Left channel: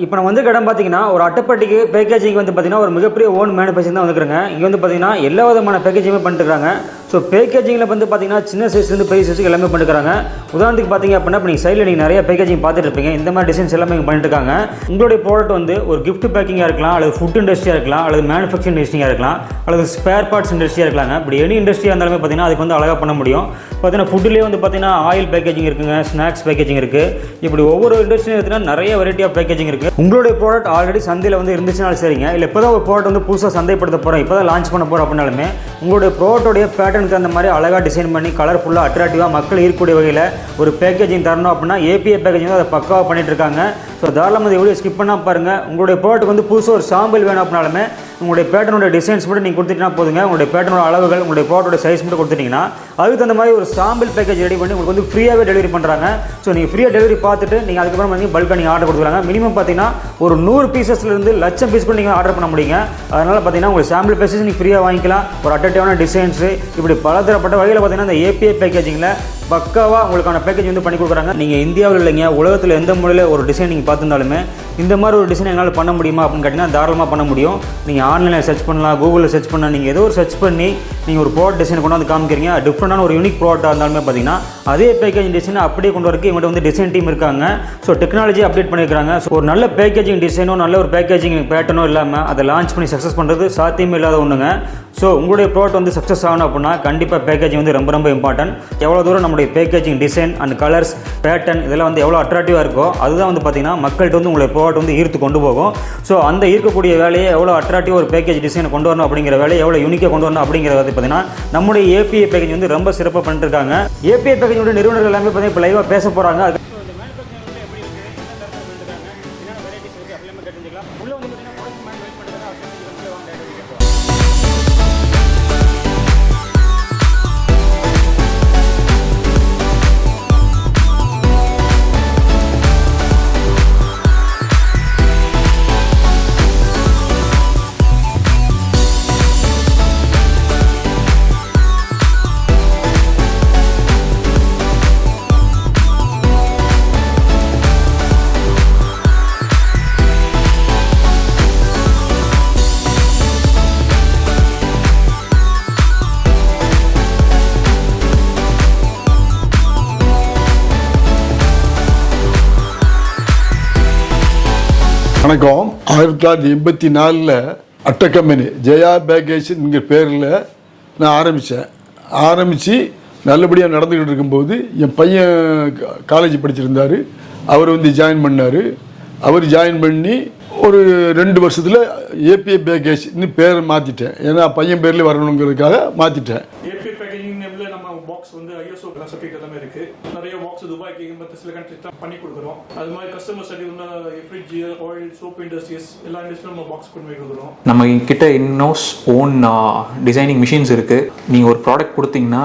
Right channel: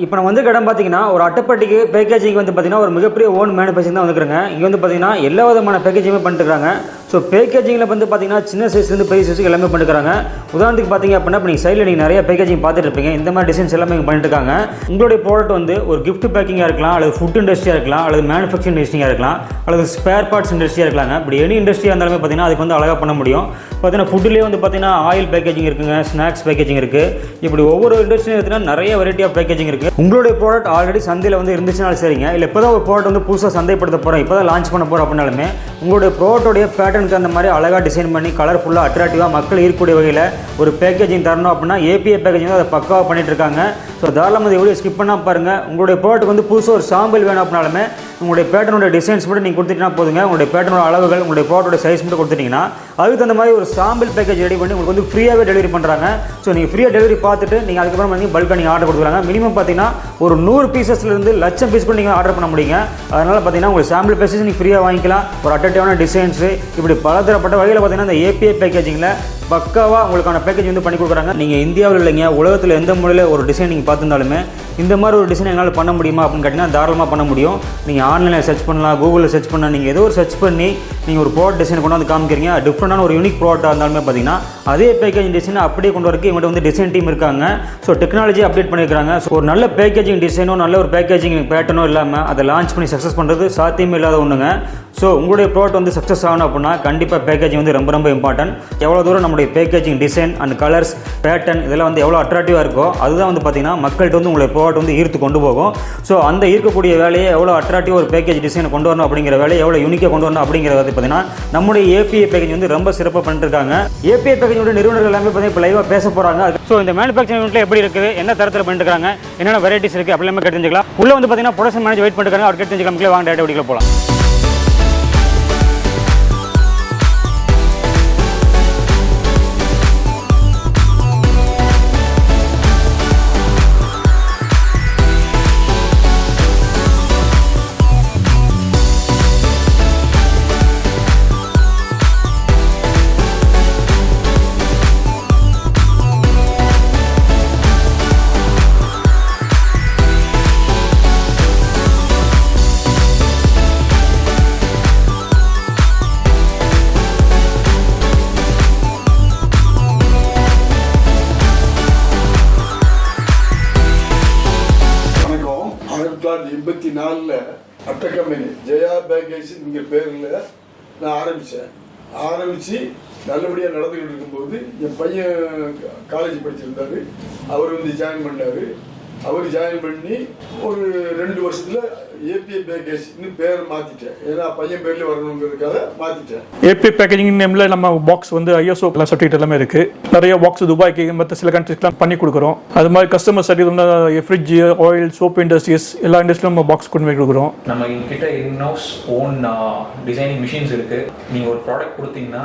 இப்போ நம்ம வந்து இடம் பார்த்தீங்கன்னா ஒரு அட்டைப்பட்டிக்கு பேக்கேஜிங் வந்து பார்த்தீங்கன்னா ஒரு மிகப்பெரிய ஓன் மேனுஃபேக்சரிங் தான் வந்துருக்குங்க இங்கே வந்து பார்த்தீங்கன்னா எல்லா விதமான பேக்கேஜிங்குமே பண்ணிட்டுருக்காங்க ஸோ பேக்கேஜிங்கில் வந்து பார்த்தீங்கன்னா சின்ன சைஸ்லேருந்து பெரிய சைஸுக்கு எல்லாமே பண்ணிருக்காங்க. உதாரணத்துக்கு பார்த்தீங்க அப்படின்னா இப்போ நீங்கள் சைடில் நீங்கள் நிறைய பேக்கேஜிங் பார்த்துட்டு இருப்பீங்க. இந்த மாதிரி டிசைன்ஸ் எல்லாமே பண்ணிட்டு இருக்காங்க. உங்களுடைய ப்ராடக்ட் வந்து ஒரு கிஃப்ட் பேக்கிங்காக இருக்கலாம் அல்லது ஃபுட் இண்டஸ்ட்ரியாக இருக்கலாம் அல்லது மேனுஃபேக்சரிங் இண்டஸ்ட்ரியாக இருக்கலாம் அல்லது ஸ்பேர் பார்ட்ஸ் இண்டஸ்ட்ரியாக இருக்கலாங்க. இப்படி எனி இண்டஸ்ட்ரியாக இருந்தாலுமே பார்த்தீங்கன்னா அதுக்கு வந்து அழகாக பண்ண முடியும். பார்த்தீங்கன்னா ஃபுட்லேயே வந்து பார்த்தீங்கன்னா ஆயில் பேக்கேஜிங் இருக்குங்க ஸ்நாக்ஸ் பேக்கேஜிங் இருக்குது இப்படி ஒவ்வொரு இண்டஸ்ட்ரியும் எடுத்தீங்கன்னா நிறைய வெரைட்டி ஆஃப் பேக்கேஜிங் இருக்குது உங்களுடைய ப்ராடக்ட் ஆல்ரெடி சந்தையில் வந்து இருந்துச்சுனாலும் சரிங்க. இல்லை இப்போ தான் ஒரு ப்ராடக்ட் வந்து புதுசாக சந்தைப்படுத்த போகிறோம் இப்போ தான் லான்ச் பண்ண போகிறோம் அப்படின்னாலுமே உங்களுடைய ப்ராடக்டோடைய பேட்டர்னுக்கு அந்த மாதிரி அழகாக டிசைன் பண்ணி கலர்ஃபுல்லாக அட்ராக்டிவாக மக்கள் ஈர்க்கக்கூடிய வகையில் ஒரு பேக்கேஜிங் தரணும் அப்படின்னா ஏபிஐ பேக்கேஜிங் அதை பக்காவாக பண்ணிட்டு இருக்காங்க. ஸோ தாராளமாக எவ்வளோ ஸ்கிப் பண்ணால் பாருங்கள் உங்களுடைய ப்ராடக்ட் வந்து புதுசாக ஒரு சாம்பிள் வேணும் அப்படின்னாலுமே உங்களுடைய பேட்டர்னுடைய டிசைன்ஸ் மட்டும் நீங்கள் கொடுத்துட்டீங்கன்னா போதுங்க. உங்களுடைய பேட்டர்னோட அளவுகள் உங்களுடைய ப்ராடக்டோட சைஸ் மட்டும் கொடுத்துட்டிங்கன்னா அதுக்கு தகுந்த மாதிரி ஒரு சாம்பிள் பேக்கேஜ் ரெடி பண்ணி உங்களுக்கு வந்து ஃப்ரீயாகவே டெலிவரி பண்ணுறாங்க ஸோ நீங்கள் ஃப்ரீயாக டெலிவரி பார்த்துட்டு நீங்கள் அதுக்கப்புறம் வந்து பல்காக நீங்கள் ஆர்டர் கொடுக்குறாங்க மினிமம் பார்த்தீங்கன்னா ஒரு நூறு பீசஸ்லேருந்து லட்சம் பீஸ் கூட நீங்கள் ஆர்டர் பண்ண முடியுங்க. அதனால் பார்த்தீங்கன்னா உங்களுக்கு சாம்பிள் பேசஸ் நீங்கள் ஃப்ரீயாக வாங்கிக்கலாம். ஒரு அட்ராக்டிவான டிசைன்ஸு இப்படி பலதரப்பட்ட வகையில் பார்த்தீங்கன்னா இந்த ஏபிஐ பேக்கேஜிங்கில் பக்காவாக உங்களுக்கான பேக்கேஜ் வந்து பண்ணி கொடுக்குறாங்க. நீங்கள் இந்தியாவில் இல்லைங்க உலகத்தில் எந்த மொழியில் ஒரு டிசைன் நீங்கள் பார்த்துருந்தாலுமே இந்த மாதிரி ஒரு டிசைன் என்னால் பண்ண முடியுமா அப்படின்னு கேட்டிங்கன்னா தாராளமாக பண்ண முடியும். நீங்கள் ஆன்லைனில் சர்ச் பண்ணலாம் கூகுளில் சர்ச் பண்ணலாம் நீங்கள் ஏதோ ஒரு சர்ச் பண்ணி நீங்கள் ஒரு ப்ராடக்ட் டிசைன் கொண்டு வந்து காமிக்கிறீங்க. டிஃப்ரெண்டான ஒரு யூனிக் ப்ராடக்ட்டாக இருந்தாலுமே பார்த்தீங்கன்னா அதே பேக்கேஜிங் டிசைன் அப்படியே கொண்டு வரக்கு இவங்கள்ட்ட வந்து டிசைன் டீம் இருக்காங்க. ஸோ டெக்னாலஜி அப்டேட் பண்ணியிருக்காங்க ஸோ ஒரு நல்ல பேக்கேஜிங் டிசைனோ நல்ல ஒரு பேக்கேஜிங் பேட்டர்னோ இல்லாமல் அதை லான்ச் பண்ணி சக்ஸஸ் பண்ணுறது சாத்தியமே இல்லாத ஒன்றுங்க ஸோ உங்களுடைய ப்ராடக்ட் வந்து சக்ஸஸ் ஆகணும் அப்படின்னா கண்டிப்பாக பேக்கேஜிங் வந்து ரொம்ப ரொம்ப இம்பார்ட்டன்ட் எவ்வளோ தூரம் நம்முடைய packaging design and colours pattern இதெல்லாம் வந்து எவ்வளோ அட்ராக்டிவாக இருக்கோ அதுதான் வந்து பார்த்திங்கன்னா மக்கள்கிட்ட வந்து உங்களுடைய ப்ராடக்ட் வந்து ஈர்த்து கொண்டு போகும். ஸோ அந்த ஈர்க்கக்கூடிய வேலையை எவ்வளோ அட்ராக்டிவ் ஒரு பேக்கேஜ் டிசைனை கொண்டு வரணும் அப்படிங்கிற வேலையை எவ்வளோ யூனிக்காக கொண்டு வரணும் அப்படிங்கிறத பார்த்தீங்கன்னா நம்முடைய ஏபிஐ பேக்கேஜ் வந்து ரொம்ப சிறப்பாக பண்ணிருக்காங்க. ஏபிஐ பேக்கேஜோட நிறுவனர்கள் எல்லாமே பார்த்தீங்கன்னா இப்போ லைவாக பேச போகிறாங்க ஸோ இந்த மேனுஃபேக்சரிங் யூனிட்ல எப்படி இருக்குது? என்ன தரத்தில் பண்ணிருக்காங்க? என்னென்ன வெரைட்டிஸ் இருக்குது அப்படி எல்லாமே கேட்டு தெரிஞ்சுக்கலாம். உள்ள வந்து பார்த்தீங்கன்னா ப்ரொடக்ஷன் மேனேஜ் வெயிட் பண்ணிருக்காங்க. அவர் கேட்டு தெரிஞ்சுக்கலாம் வாங்க டேட்டா வீடியோ போகலாம் ஆயிரத்தி தொள்ளாயிரத்தி எண்பத்தி நாலில் அட்டை கம்பெனி ஜெயா பேக்கேஜ்ங்கிற பேரில் நான் ஆரம்பித்தேன் ஆரம்பித்து நல்லபடியாக நடந்துக்கிட்டு இருக்கும்போது என் பையன் காலேஜ் படிச்சிருந்தார். அவர் வந்து ஜாயின் பண்ணார். அவர் ஜாயின் பண்ணி ஒரு ரெண்டு வருஷத்தில் ஏபிஐ பேக்கேஜ்னு பேர் மாற்றிட்டேன் ஏன்னா பையன் பேர்லேயே வரணுங்கிறதுக்காக மாற்றிட்டேன் ஏபி பேக்கேஜிங் நேம்ல நம்ம பாக்ஸ் வந்து ஐஎஸ்ஓ சர்டிஃபிகேட் எல்லாமே இருக்கு. நிறைய பாக்ஸ் துபாய்க்கு மற்ற சில கண்ட்ரிஸ்லாம் பண்ணி கொடுக்குறோம். அது மாதிரி customer certificate fridge oil soap industries எல்லா இண்டஸ்ட்ரியும் நம்ம பாக்ஸ் கொண்டு போய் கொடுக்குறோம். நம்ம கிட்ட இன்னோஸ் ஓன் டிசைனிங் மிஷின்ஸ் இருக்குது நீங்கள் ஒரு ப்ராடக்ட் கொடுத்தீங்கன்னா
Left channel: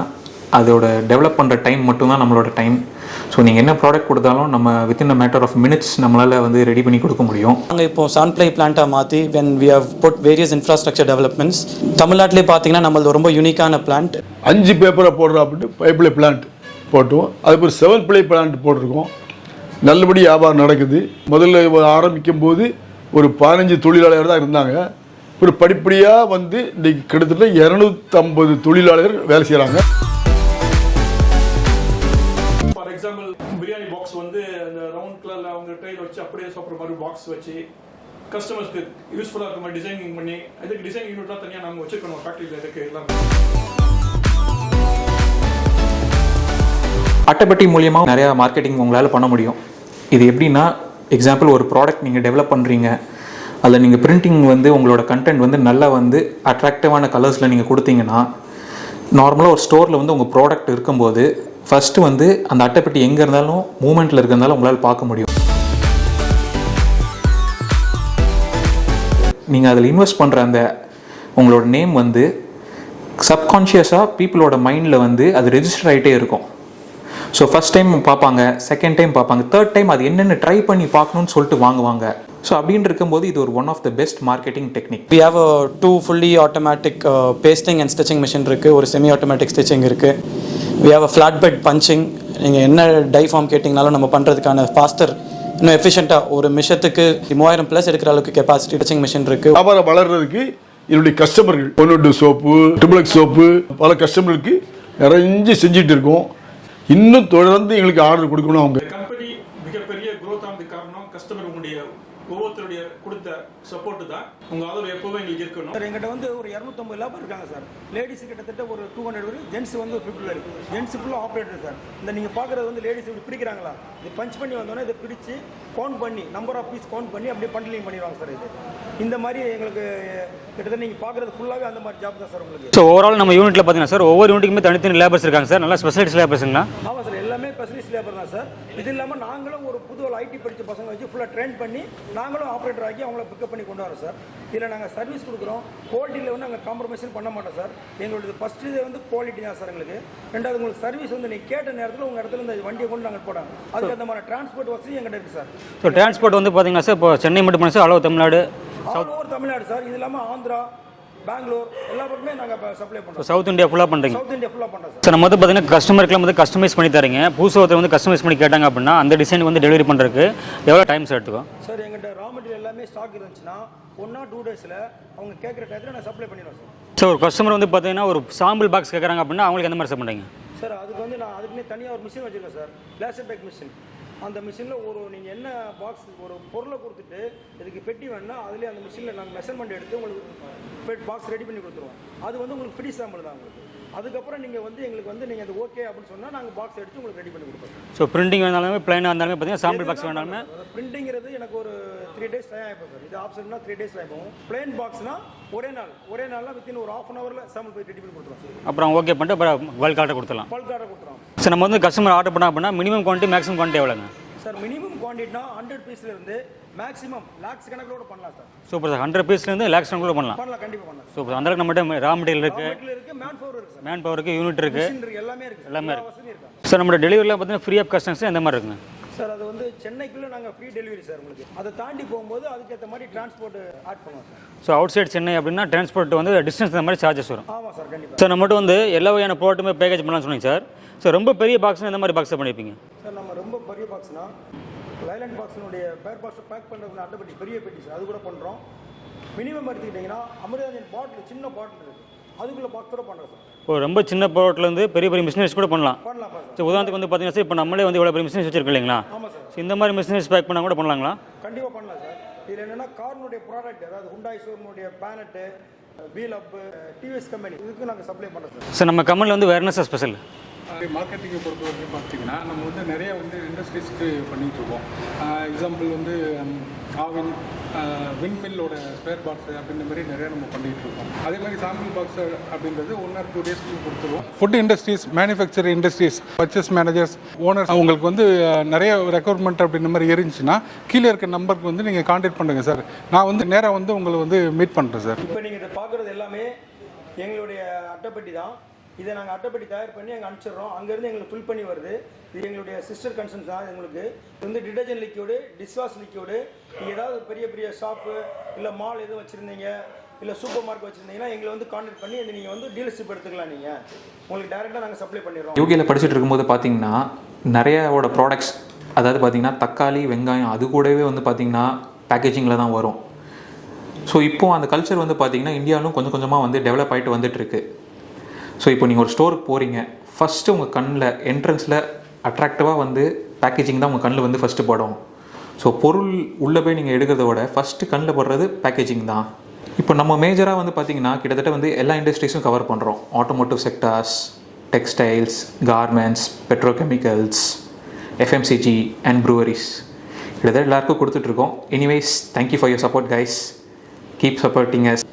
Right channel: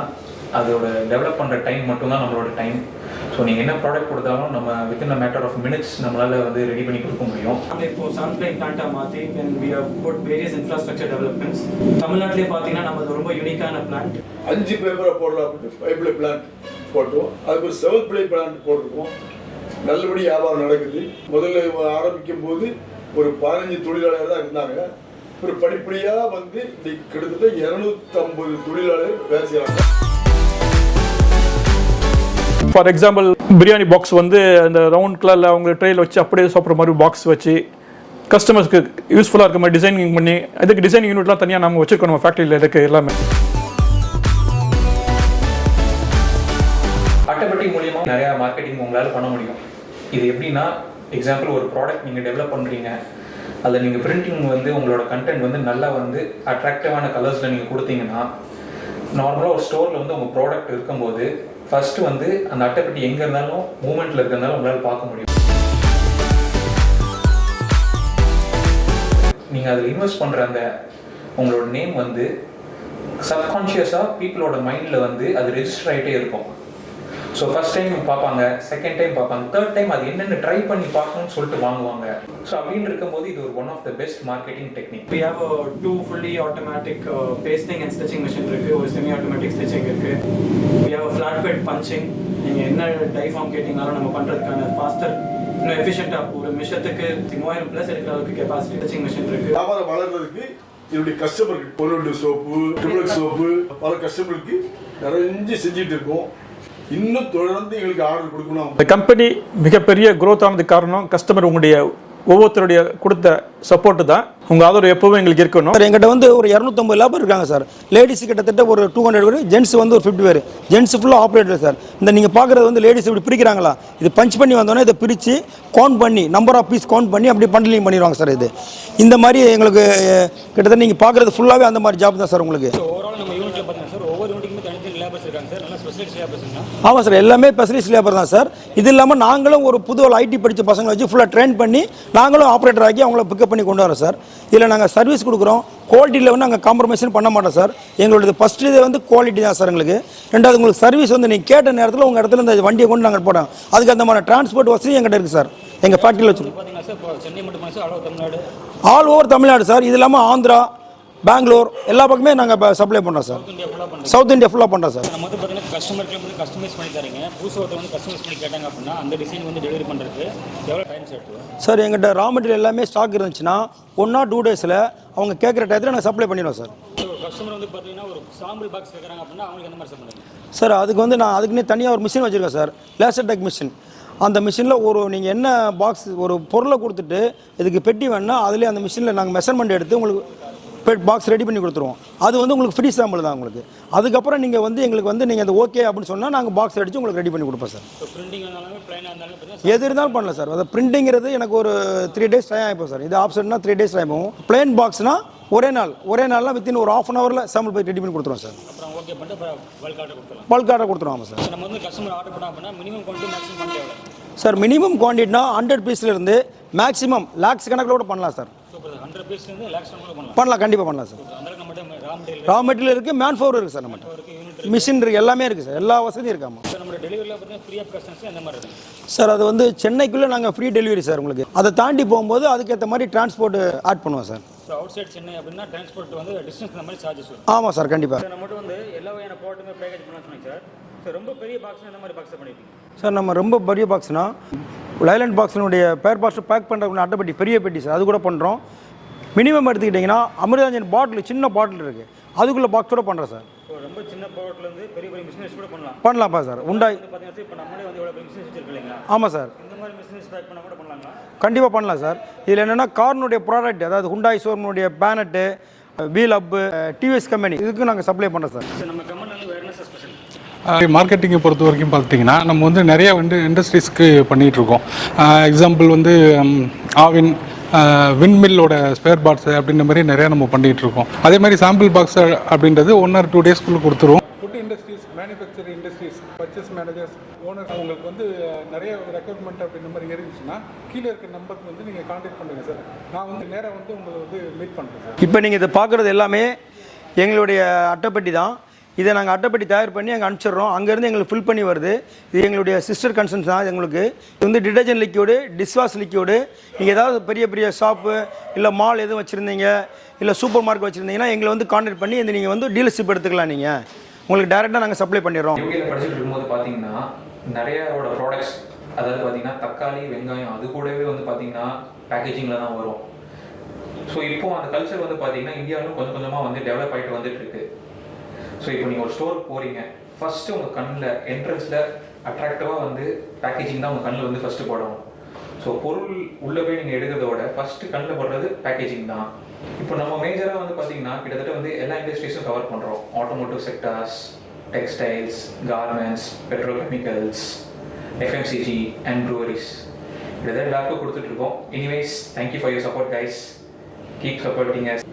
அதோட டெவலப் பண்ணுற டைம் மட்டும்தான் நம்மளோட டைம் ஸோ நீங்கள் என்ன ப்ராடக்ட் கொடுத்தாலும் நம்ம within a matter of minutes நம்மளால் வந்து ரெடி பண்ணி கொடுக்க முடியும். நாங்கள் இப்போ சன்ப்ளை பிளான்ட்டாக மாற்றி when we have put various infrastructure developments தமிழ்நாட்டிலே பார்த்தீங்கன்னா நம்மளது ரொம்ப யூனிக்கான பிளான்ட் அஞ்சு பேப்பரை போடுறோம் அப்படின்ட்டு ஃபைவ் பிளே பிளான்ட் போட்டோம் அதுக்கு ஒரு செவன் பிளே பிளான்ட் போட்டிருக்கோம். நல்லபடி வியாபாரம் நடக்குது. முதல்ல ஆரம்பிக்கும் போது ஒரு பதினஞ்சு தொழிலாளர் தான் இருந்தாங்க. ஒரு படிப்படியாக வந்து இன்னைக்கு கிட்டத்தட்ட இரநூத்தம்பது தொழிலாளர்கள் வேலை செய்கிறாங்க ஃபார் எக்ஸாம்பிள் பிரியாணி பாக்ஸ் வந்து அந்த ரவுண்ட் கலரில் அவங்க ட்ரெயில் வச்சு அப்படியே சாப்பிட்ற மாதிரி பாக்ஸ் வச்சு கஸ்டமர்ஸ்க்கு யூஸ்ஃபுல்லாக இருக்க மாதிரி டிசைனிங் பண்ணி அதுக்கு டிசைனிங் யூனிட்லாம் தனியாக நம்ம வச்சுருக்கணும் நம்ம ஃபேக்ட்ரியில் இருக்கு எல்லாமே. அட்டைப்பட்டி மூலியமாக நிறையா மார்க்கெட்டிங் உங்களால் பண்ண முடியும். இது எப்படின்னா எக்ஸாம்பிள் ஒரு ப்ராடக்ட் நீங்கள் டெவலப் பண்ணுறீங்க அதில் நீங்கள் பிரிண்டிங் வந்து உங்களோட கண்டென்ட் வந்து நல்லா வந்து அட்ராக்டிவான கலர்ஸில் நீங்கள் கொடுத்தீங்கன்னா நார்மலாக ஒரு ஸ்டோரில் வந்து உங்கள் ப்ராடக்ட் இருக்கும்போது ஃபஸ்ட்டு வந்து அந்த அட்டைப்பட்டி எங்கே இருந்தாலும் மூமெண்ட்டில் இருக்கிறதாலும் உங்களால் பார்க்க முடியும். நீங்கள் அதில் இன்வெஸ்ட் பண்ணுற அந்த உங்களோட நேம் வந்து சப்கான்ஷியஸாக பீப்புளோட மைண்டில் வந்து அது ரெஜிஸ்டர் ஆகிட்டே இருக்கும். ஸோ ஃபஸ்ட் டைம் பார்ப்பாங்க செகண்ட் டைம் பார்ப்பாங்க தேர்ட் டைம் அது என்னென்ன ட்ரை பண்ணி பார்க்கணும்னு சொல்லிட்டு வாங்குவாங்க. ஸோ அப்படின்னு இருக்கும்போது இது ஒரு one of the best marketing technique we have two fully automatic pasting and stitching machine இருக்குது ஒரு செமி ஆட்டோமேட்டிக் ஸ்டிச்சிங் இருக்குது we have a flat bed punching நீங்கள் என்ன டை ஃபார்ம் கேட்டிங்கனாலும் நம்ம பண்ணுறதுக்கான ஃபாஸ்டர் இன்னும் எஃபிஷியண்ட்டாக ஒரு மிஷத்துக்கு மூவாயிரம் ப்ளஸ் எடுக்கிற அளவுக்கு கெப்பாசிட்டி டச்சிங் மிஷின் இருக்குது வியாபாரம் வளர்றதுக்கு என்னுடைய கஸ்டமர்கள் பொன்னொட்டு சோப்பு டிபிளக் சோப்பு பல கஸ்டமர்களுக்கு நிறைஞ்சு செஞ்சுட்டு இருக்கோம். இன்னும் தொடர்ந்து எங்களுக்கு ஆர்டர் கொடுக்கணும் அவங்க. இந்த கம்பெனி மிகப்பெரிய growth ஆனதுக்கு காரணம் கஸ்டமர் உங்களுடைய ஒவ்வொருத்தருடைய கொடுத்த சப்போர்ட் தான். உங்க ஆதரவு எப்பவும் எங்களுக்கு இருக்கணும். சார் எங்கிட்ட வந்து ஒரு இரநூத்தம்பது லேபர் இருக்காங்க சார். லேடிஸ் கிட்டத்தட்ட ஒரு டூ ஹண்ட்ரட் பேர் ஜென்ஸ் வந்து ஒரு ஃபிஃப்டி பேர். ஜென்ஸ் ஃபுல்லாக ஆப்ரேட்டர் சார். இந்த நீங்கள் பார்க்குறது வந்து லேடிஸ் இப்படி பிரிக்கிறாங்களா? இது பஞ்ச் பண்ணி வந்தோன்னே இதை பிரித்து கவுண்ட் பண்ணி நம்பர் ஆஃப் பீஸ் கவுண்ட் பண்ணி அப்படி பண்டலிங் பண்ணிடுவாங்க சார் இது. இந்த மாதிரி எங்களுக்கு கிட்டத்தட்ட நீங்கள் பார்க்குறது ஃபுல்லாகவே அந்த மாதிரி ஜாப் தான் சார் உங்களுக்கு. ஸோ ஓவரால் நம்ம யூனிட்ல பார்த்தீங்கன்னா சார் ஒவ்வொரு யூனிட்டுக்குமே தனித்தனி லேபர்ஸ் இருக்காங்க சார். நல்லா ஸ்பெஷலிஸ்ட் லேபர்ஸுங்களா ஆமாம் சார் எல்லாமே ஸ்பெஷலிஸ்ட் லேபர் தான் சார். இது இல்லாமல் நாங்களும் ஒரு புது ஐடி படித்த பசங்களை வச்சு ஃபுல்லாக ட்ரெயின் பண்ணி நாங்களும் ஆப்ரேட்டர் ஆக்கி அவங்கள பிக்கப் பண்ணி கொண்டு வரோம் சார். இதில் நாங்கள் சர்வீஸ் கொடுக்குறோம். குவாலிட்டியில் வந்து நாங்கள் காம்ப்ரமைஸும் பண்ண மாட்டோம் சார். எங்களோட ஃபஸ்ட் இது வந்து குவாலிட்டி தான் சார் எங்களுக்கு. ரெண்டாவது உங்களுக்கு சர்வீஸ் வந்து நீங்கள் கேட்ட நேரத்தில் உங்கள் இடத்துல இந்த வண்டியை கொண்டு நாங்கள் போட்டோம் அதுக்கு அந்த மாதிரி டிரான்ஸ்போர்ட் வசதி எங்கிட்ட இருக்குது சார். எங்கள் வந்து பார்த்தீங்கன்னா சார் இப்போ சென்னை மட்டும் சார் அளவு Tamil Nadu? All over Tamil Nadu sir. இது இல்லாமல் ஆந்திரா பெங்களூர் எல்லா பக்கமே நாங்கள் சப்ளை பண்ணுறோம் சவுத் இந்தியா ஃபுல்லாக பண்ணுறீங்க சவுத் இந்தியா ஃபுல்லாக பண்ணுறோம் சார் நம்ம வந்து பார்த்தீங்கன்னா கஸ்டமருக்குலாம் வந்து கஸ்டமைஸ் பண்ணி தரீங்க புதுசு ஒருத்தர் வந்து கஸ்டமைஸ் பண்ணி கேட்டாங்க அப்படின்னா அந்த டிசைன் வந்து டெலிவரி பண்ணுறதுக்கு எவ்வளோ டைம் சார் எடுத்துக்கும்? சார் எங்கிட்ட ரா மெட்டீரியல் எல்லாமே ஸ்டாக் இருந்துச்சுன்னா ஒன் ஆர் டூ டேஸில் அவங்க கேட்குற டயத்தில் நான் சப்ளை பண்ணிடுவோம் சார் சார் ஒரு கஸ்டமர் வந்து பார்த்தீங்கன்னா ஒரு சாம்பிள் பாக்ஸ் கேட்குறாங்க அப்படின்னா அவங்களுக்கு எந்த மாதிரி சார் பண்ணுறீங்க சார் அதுக்கு வந்து நான் அதுக்குன்னே தனியாக ஒரு மிஷின் வச்சுருக்கேன் சார் லேசர் டெக் மிஷின் அந்த மிஷினில் ஒரு நீங்கள் என்ன பாக்ஸ் ஒரு பொருளை கொடுத்துட்டு இதுக்கு பெட்டி வேணுன்னா அதிலே அந்த மிஷினில் நாங்கள் மெஷர்மெண்ட் எடுத்து உங்களுக்கு பாக்ஸ் ரெடி பண்ணி கொடுத்துருவோம். அது வந்து உங்களுக்கு ஃப்ரீ சாம்பிள் தான் உங்களுக்கு. அதுக்கப்புறம் நீங்கள் வந்து எங்களுக்கு வந்து நீங்கள் அது ஓகே அப்படின்னு சொன்னால் நாங்கள் பாக்ஸ் அடித்து உங்களுக்கு ரெடி பண்ணி கொடுப்போம் சார் ஸோ பிரிண்டிங் இருந்தாலுமே பிளைனாக இருந்தாலுமே எது பார்த்தீங்கன்னா இருந்தாலும் பண்ணலாம் சார் அது பிரிண்டிங்கிறது எனக்கு ஒரு த்ரீ டேஸ் டைம் ஆகிப்போம் சார் இது ஆப்ஷன்னா த்ரீ டேஸ் டைம் ஆகும். பிளேன் பாக்ஸ்னா ஒரே நாள். ஒரே நாள்லாம் வித்தின் ஒரு ஆஃப் அன் ஹவரில் சாம்பிள் போய் ரெடி பண்ணி கொடுத்துருவோம் சார் அப்புறம் ஓகே பண்ணிட்டு அப்புறம் பல்க் ஆர்டர் கொடுத்துலாம் பல்க் ஆர்டர் கொடுத்துருவோம் சார் சார் நம்ம வந்து கஸ்டமர் ஆர்டர் பண்ணா அப்படின்னா மினிமம் குவான்டிட்டி மேக்ஸிமம் குவான்டிட்டி எவ்வளோங்க சார் மினிமம் குவான்டிட்டினா ஹண்ட்ரட் பீஸ்லேருந்து மேக்ஸிமம் லேக்ஸ் கணக்கில் கூட பண்ணலாம் சார் சூப்பர் சார் ஹண்ட்ரட் பீஸ்லேருந்து லேக்ஸ் கூட பண்ணலாம். பண்ணலாம் கண்டிப்பாக பண்ணலாம் சார் சூப்பர் அந்த அளவுக்கு நம்மகிட்ட ரா மெட்டீரியல் ரா மெட்டீரியல் இருக்குது மேன் பவர் இருக்குது சார் மேன் பவருக்கு யூனிட் இருக்கு. மிஷின் இருக்குது எல்லாமே இருக்குது சார் எல்லா வசதியும் இருக்காமா சார் நம்மளோட டெலிவரியில் பார்த்தீங்கன்னா ஃப்ரீ ஆஃப் கஸ்டம்ஸ் எந்த மாதிரி இருக்குங்க? சார் அது வந்து சென்னைக்குள்ளே நாங்கள் ஃப்ரீ டெலிவரி சார் உங்களுக்கு. அதை தாண்டி போகும்போது அதுக்கேற்ற மாதிரி டிரான்ஸ்போர்ட் ஆட் பண்ணுவோம் sir so outside Chennai அப்படின்னா டிரான்ஸ்போர்ட் வந்து டிஸ்டன்ஸ் அந்த மாதிரி சார்ஜஸ் வரும். ஆமாம் சார் கண்டிப்பாக சார் நம்மகிட்ட வந்து எல்லா வகையான ப்ராடக்ட்டுமே பேக்கேஜ் பண்ணலாம்னு சொன்னீங்க சார் சார் ரொம்ப பெரிய பாக்ஸ் எந்த மாதிரி பாக்ஸ் பண்ணியிருப்பீங்க சார் நம்ம ரொம்ப பெரிய பாக்ஸ்னா லைலண்ட் பாக்ஸினுடைய பேர் பாக்ஸ் பேக் பண்ணுற அட்டைப்பெட்டி பெரிய பெட்டி சார் அது கூட பண்ணுறோம் மினிமம் எடுத்துக்கிட்டிங்கன்னா அமிர்தாஞ்சன் பாட்டில் சின்ன பாட்டில் இருக்குது அதுக்குள்ளே பாக்ஸோட பண்ணுறோம் சார் இப்போ ரொம்ப சின்ன ப்ராடக்ட்லேருந்து பெரிய பெரிய மிஷினரிஸ் கூட பண்ணலாம். பண்ணலாம்ப்பா சார் உதாரணத்துக்கு வந்து பார்த்தீங்கன்னா சார் இப்போ நம்மளே வந்து இவ்வளோ பெரிய மிஷினரிஸ் வச்சிருக்கோம் இல்லைங்களா? ஆமாம் சார் இந்த மாதிரி மிஷினரிஸ் பேக் பண்ணால் கூட பண்ணலாங்களா? கண்டிப்பாக பண்ணலாம் சார் இதில் என்னென்னா கார்னுடைய ப்ராடக்ட் அதாவது ஹுண்டாய் ஷோரூமுடைய பேனட்டு வீல் அப்பு டிவிஎஸ் கம்பெனி இதுக்கு நாங்கள் சப்ளை பண்ணுறோம் சார். சார் நம்ம கம்பெனியில் வந்து வேறு என்ன சார் ஸ்பெஷல் மார்க்கெட்டிங்கை பொறுத்த வரைக்கும் பார்த்தீங்கன்னா நம்ம வந்து நிறைய வந்து இண்டஸ்ட்ரீஸ்க்கு பண்ணிகிட்டு இருக்கோம். எக்ஸாம்பிள் வந்து ஆவின் விண்மில்லோட ஸ்பேர் பார்ட்ஸ் அப்படின்ற மாதிரி நிறைய நம்ம பண்ணிகிட்டு இருக்கோம். அதே மாதிரி சாம்பிள் பாக்ஸ் அப்படின்றது ஒன் ஆர் டூ டேஸ்க்குள்ளே கொடுத்துருவோம் food industries manufacturing industries purchase managers owners அவங்களுக்கு வந்து நிறைய ரெக்யர்மெண்ட் அப்படின்ற மாதிரி இருந்துச்சுன்னா கீழே இருக்க நம்பருக்கு வந்து நீங்கள் காண்டாக்ட் பண்ணுங்கள் சார் நான் வந்து நேராக வந்து உங்களை வந்து மீட் பண்ணுறேன் சார் இப்போ நீங்கள் இதை பார்க்குறது எல்லாமே எங்களுடைய அட்டைப்பெட்டி தான். இதை நாங்கள் அட்டைப்பெட்டி தயார் பண்ணி அங்கே அனுப்பிச்சிடுறோம். அங்கேருந்து எங்களுக்கு ஃபில் பண்ணி வருது. இது எங்களுடைய சிஸ்டர் கன்சர்ன்ஸ் தான் எங்களுக்கு. இது வந்து டிடர்ஜென்ட் லிக்யூடு டிஷ்வாஷ் லிக்யூடு நீங்கள் ஏதாவது பெரிய பெரிய ஷாப்பு இல்லை மால் எதுவும் வச்சுருந்தீங்க இல்லை சூப்பர் மார்க்கெட் வச்சுருந்தீங்கன்னா எங்களை வந்து காண்டாக்ட் பண்ணி இந்த நீங்கள் வந்து டீலர்ஷிப் எடுத்துக்கலாம் நீங்கள் உங்களுக்கு டேரெக்டாக நாங்கள் சப்ளை பண்ணிடுறோம். யூகேல படிச்சுட்டு இருக்கும்போது பார்த்தீங்கன்னா நிறையாவோட ப்ராடக்ட்ஸ் அதாவது பார்த்தீங்கன்னா தக்காளி வெங்காயம் அது கூடவே வந்து பார்த்தீங்கன்னா பேக்கேஜிங்கில் தான் வரும். ஸோ இப்போ அந்த கல்ச்சர் வந்து பார்த்தீங்கன்னா இந்தியாவிலும் கொஞ்சம் கொஞ்சமாக வந்து டெவலப் ஆகிட்டு வந்துட்டு இருக்கு ஸோ இப்போ நீங்கள் ஒரு ஸ்டோருக்கு போகிறீங்க ஃபஸ்ட்டு உங்கள் கண்ணில் என்ட்ரன்ஸில் அட்ராக்டிவாக வந்து பேக்கேஜிங் தான் உங்கள் கண்ணில் வந்து ஃபஸ்ட்டு படும் ஸோ பொருள் உள்ளே போய் நீங்கள் எடுக்கிறத விட ஃபஸ்ட்டு கண்ணில் படுறது பேக்கேஜிங் தான். இப்போ நம்ம மேஜராக வந்து பார்த்தீங்கன்னா கிட்டத்தட்ட வந்து எல்லா இண்டஸ்ட்ரீஸும் கவர் பண்ணுறோம் automotive sectors textiles garments petrochemicals FMCG and breweries கிட்டத்தட்ட எல்லாருக்கும் கொடுத்துட்ருக்கோம் anyways thank you for your support guys keep supporting us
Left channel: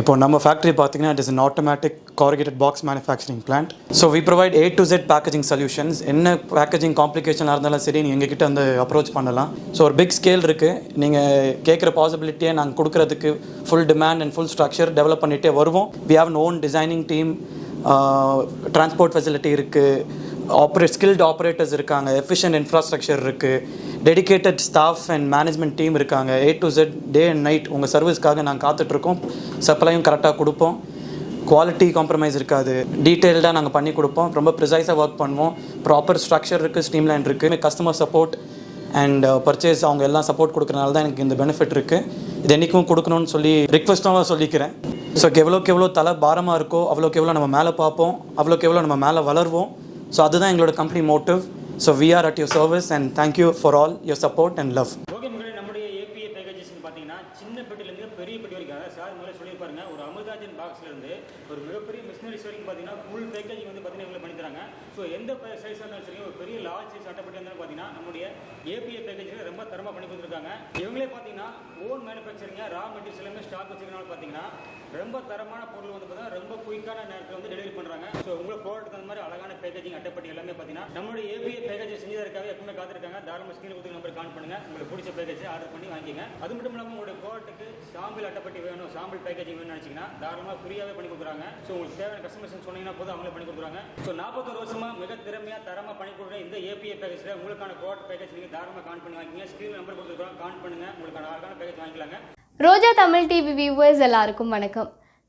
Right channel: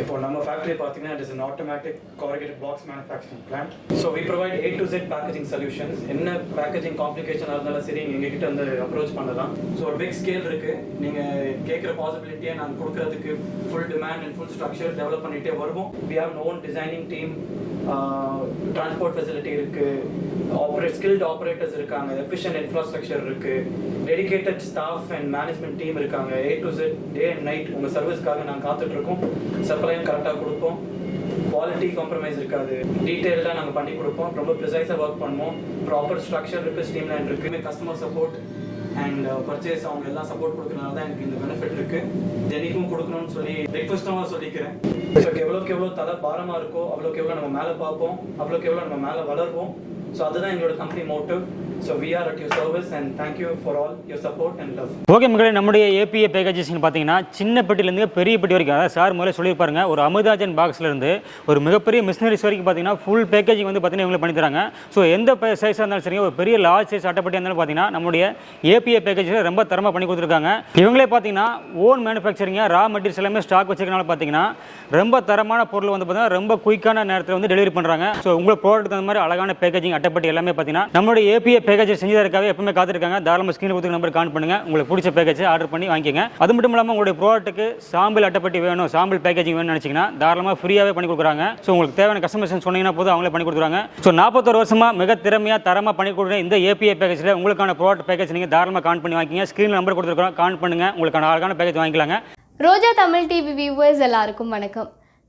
இப்போ நம்ம ஃபேக்ட்ரி பார்த்தீங்கன்னா it is an automatic corrugated box manufacturing plant. So we provide A to Z packaging solutions என்ன packaging காம்ப்ளிகேஷனாக இருந்தாலும் சரி நீங்கள் எங்ககிட்ட வந்து அப்ரோச் பண்ணலாம். ஸோ ஒரு பிக் ஸ்கேல் இருக்குது நீங்கள் கேட்குற பாசிபிலிட்டியை நாங்கள் கொடுக்குறதுக்கு full demand and full structure develop பண்ணிகிட்டே வருவோம். We have own designing team transport facility இருக்குது ஆப்ரேட் ஸ்கில்டு ஆப்ரேட்டர்ஸ் இருக்காங்க. எஃபிஷியன்ட் இன்ஃப்ராஸ்ட்ரக்சர் இருக்குது dedicated staff and management team இருக்காங்க. A to Z day and night உங்கள் சர்வீஸ்க்காக நாங்கள் காத்துட்ருக்கோம். சப்ளையும் கரெக்டாக கொடுப்போம். குவாலிட்டி காம்ப்ரமைஸ் இருக்காது. டீட்டெயில்டாக நாங்கள் பண்ணி கொடுப்போம். ரொம்ப ப்ரிசைஸாக ஒர்க் பண்ணுவோம். ப்ராப்பர் ஸ்ட்ரக்சர் இருக்குது ஸ்ட்ரீம்லைன் இருக்குது கஸ்டமர் சப்போர்ட் அண்ட் பர்ச்சேஸ் அவங்க எல்லாம் சப்போர்ட் கொடுக்குறனால தான் எனக்கு இந்த பெனிஃபிட் இருக்குது இது என்றைக்கும் கொடுக்கணும்னு சொல்லி ரிக்வஸ்ட்டாக சொல்லிக்கிறேன். ஸோ எவ்வளோக்கு எவ்வளோ தலை பாரமாக இருக்கோ அவ்வளோக்கு எவ்வளோ நம்ம மேலே பார்ப்போம் அவ்வளோக்கு எவ்வளோ நம்ம மேலே வளருவோம். ஸோ அதுதான் எங்களோட company motive so we are at your service and thank you for all your support and love okay மக்களே நம்முடைய ஏபிஏ பேக்கேஜஸ்னு பார்த்தீங்கன்னா சின்ன பெட்டிலேருந்து பெரிய பெட்டி வரைக்கும் அதாவது சார் முதல்ல சொல்லியிருப்பாருங்க ஒரு அமிர்தாஜன் பாக்ஸ்லேருந்து ஒரு மிகப்பெரிய மிஷினரிஸ் வரைக்கும் பார்த்தீங்கன்னா ஃபுல் பேக்கேஜிங் வந்து பார்த்தீங்கன்னா இவங்களை பண்ணி தராங்க. ஸோ எந்த சைஸாக இருந்தாலும் சரிங்க ஒரு பெரிய லார்ஜ் சைஸ் அட்டைப்பட்டியாக இருந்தாலும் பார்த்தீங்கன்னா நம்முடைய ஏபிஏ பேக்கேஜில் ரொம்ப தரமாக பண்ணி கொடுத்துருக்காங்க. இவங்களே பார்த்தீங்கன்னா ஓன் மேனுஃபேக்சரிங்க ரா மெட்டீரியல்ஸ் எல்லாமே ஸ்டாக் வச்சிருக்கனால பார்த்தீங்கன்னா ரொம்ப தரமான பொருள் வந்து பார்த்தீங்கன்னா ரொம்ப குயிக்கான நேரத்தில் வந்து டெலிவரி பண்ணுறாங்க ஸோ உங்களை ப்ராடக்ட் தகுந்த மாதிரி அழகான பேக்கேஜிங் அட்டைப்பட்டி எல்லாமே பார்த்தீங்கன்னா நம்மளுடைய ஏபிஏ பேக்கேஜ் செஞ்சதற்காக எப்பவுமே காத்திருக்காங்க. தாராளமாக ஸ்கிரீன் கொடுத்து நம்பர் கான் பண்ணுங்க. உங்களுக்கு பிடிச்ச பேக்கேஜ் ஆர்டர் பண்ணி வாங்கிக்கங்க. அது மட்டும் இல்லாமல் உங்களுடைய ப்ராடக்ட்டுக்கு சாம்பிள் அட்டைப்பட்டி வேணும். சாம்பிள் பேக்கேஜிங் வேணும்னு நினச்சிங்கன்னா தாராளமாக ஃப்ரீயாகவே பண்ணி கொடுக்குறாங்க. ஸோ உங்களுக்கு தேவையான கஸ்டமர்ஸ் சொன்னீங்கன்னா போதும் அவங்களே பண்ணி கொடுக்குறாங்க ஸோ நாற்பத்தொரு வருஷமாக மிக திறமையாக தரமாக பண்ணி கொடுக்குற இந்த ஏபிஏ பேக்கேஜில் உங்களுக்கான ப்ராடக்ட் பேக்கேஜ் நீங்கள் தாராளமாக கான் பண்ணி வாங்கிங்க ஸ்க்ரீனில் நம்பர் கொடுத்துருக்கோம் கான் பண்ணுங்க. உங்களுக்கான அழகான பேக்கேஜ் வாங்கிக்கலாங்க. ரோஜா தமிழ் டிவி வியூவர்ஸ் எல்லாருக்கும் வணக்கம்.